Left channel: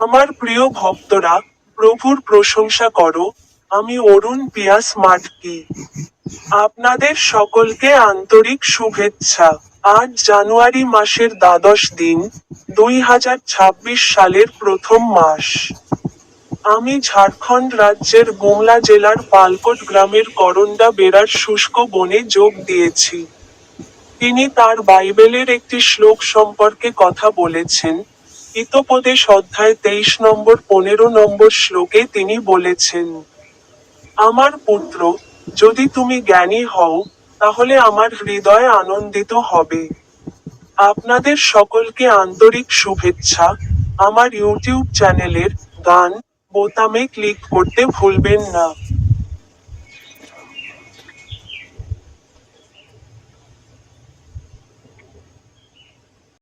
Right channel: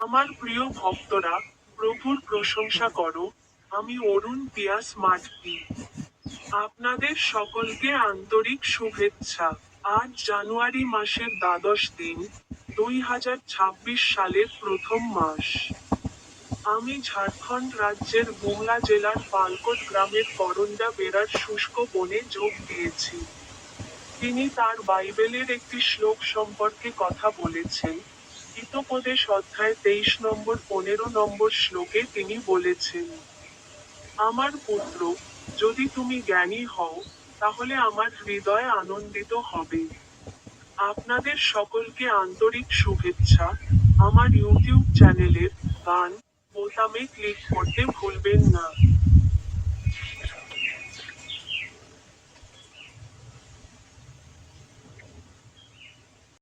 আমার প্রিয় ভক্তরা, প্রভুর প্রশংসা করো, আমি অরুণ পিয়াস মাটকি। আপনাদের সকলকে আন্তরিক শুভেচ্ছা। আজ জানুয়ারি মাসের দ্বাদশ দিন, দুই হাজার ছাব্বিশ সালের প্রথম মাস। আমি ঝাড়খণ্ড রাজ্যের গুমলা জেলার পালকোট গ্রামের করন্ডা বেড়ার শুষ্ক বনে যোগ দিয়েছি। তিনি তার বাইবেলের একটি শ্লোক সম্পর্কে কথা বলেছেন। হিতোপদেশ অধ্যায় তেইশ নম্বর, পনেরো নম্বর শ্লোকে তিনি বলেছেন, আমার পুত্র, যদি তুমি জ্ঞানী হও, তাহলে আমার হৃদয় আনন্দিত হবে। আপনাদের সকলকে আন্তরিক শুভেচ্ছা। আমার ইউটিউব চ্যানেলের গান বোতামে ক্লিক করতে ভুলবেন না।